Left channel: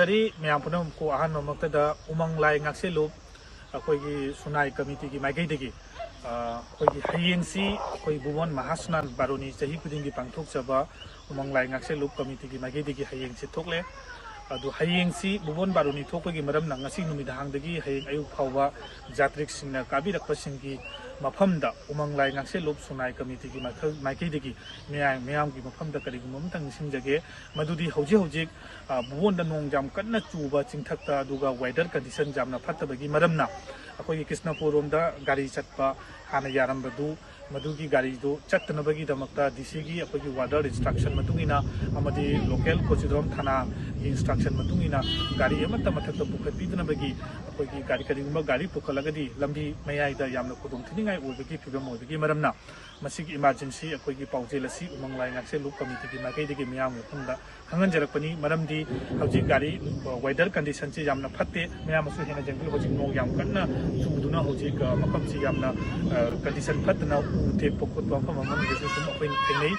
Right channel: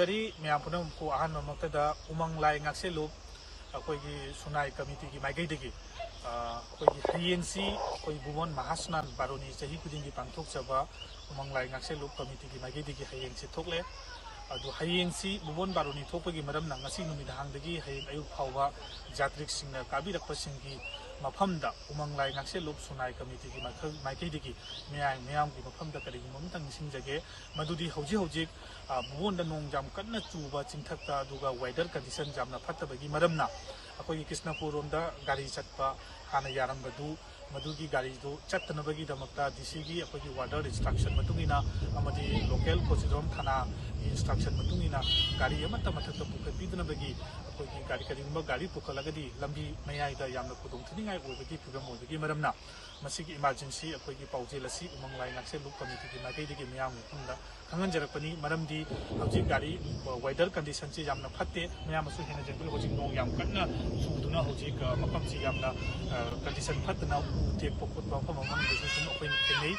खुलुमजरी ma'am पुनमको अहन ममक्तदा उमंग लाइ ngakseluk अखोगी सुनाई committee की माइकैदगी अखोगी हयेंसी अखोई बुवन महास्नान बारोनी चही खुदिंगी पांगथोकचबा उमंग लाइ ngakseluk कमिटी की माइकैदगी हयेंसे थोकले अदु हयेंसी बुवन बारोनी थोकगी मरमना ngasi नुमिदाहांगदगी हयेंग अयुक फावबा जात्रिकसिंगना काबिरकपसिंगी मफमदा उमंग लाइ ngakseluk सुनाई कमिटी की माइकैदगी मैम की मफमदा करिगुम अमतंग निसिंजगे मदुदी हौजे हौजे बुवनदा नोंग जाम कन्ना चुबा चिंथक्ता अदुगा वेदर कंडीशन जामना फत्तबगी मरमना अखोई कृष्णपुर रोमदा गाड़ी चटपा हाना यारंबदु मदुगी गाड़ी दो चट्टनबगी दमक्ता डीसी की अखोई वादर इंस्ट्रक्शन मतुंगिना अमदी लोकल कोचिदोम थाना इंस्ट्रक्शन मतुंगिना गाड़ी अमत्ता मथक्ता पुखत्पीदनबगी अखोई गाड़ी करिगुम्बा गाड़ी पुखलगदी लंबी मयाइदा यामना खुदुम थिनिंगाई ओइबगी फिबम ओइबगी मरमना मसिगी इमरजेंसी अखोई पाउजेल असि उमंग लाइ ngakseluk कमिटी की माइकैदगी मियाम मफमदा खंगनजरकपनी मरमदी हौजिक गाड़ी वेदर कंडीशन से यामना फत्ते मियामसु हेना जंगल हौजिक नोंग याम कन्ना चुदुना हौजिक मफमसी यामना कंडीशन फत्तना उतेप खुदबा मफम अमगेसु तुम अखोइन थेंगनै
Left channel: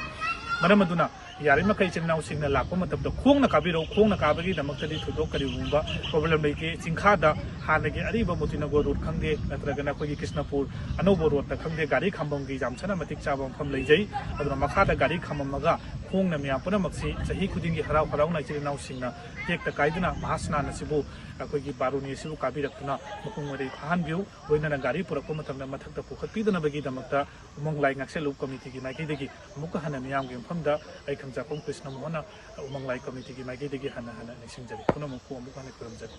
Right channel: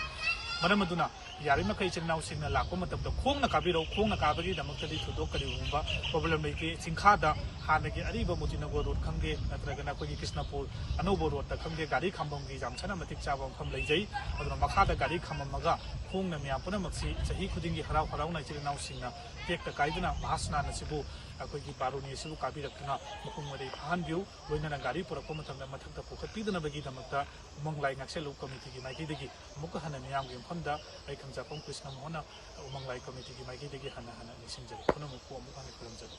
मरम अदुना यारि मखै चिनाउ सिंगना लाको मतबदा खोंगना काबिरो खोंगना काबगी दमक्तदि थुदो करिगुम्बा प्रॉब्लम लेके सिंखादा हानगे अरिबा मोतिनगो रोड खंगे नत्रगना कोई कृष्णपुर अनोबो रोड ता खंगे गाड़ी खंबम की जामसना मतिक चाबम खम लैजै अदुना मखादा गाड़ी खंबमगा खोंगना मिया पुनमक्सी सही खुदिंगी हराव हराव नाइचिनाउ सिंगना टेक्ता काइदना महास्नान असिबु अखोई बारोनी असिबु काबिरक्तुना मुकुंग मरे फाहानबिउ लोइनना गाड़ी पुरक्पु मतमना मथक्ता पुखत्पीदनबगी दमक्ता उमंग लाइ ngakseluk कमिटी की माइकैदगी अमुक हाना मियामगे मफमदा आई खंजापम कृष्ण मोहन उमंग लाइ कमिटी की माइकैदगी हाना हाना निसिंजरी पुनमको अमुक हाना खुरमजरी।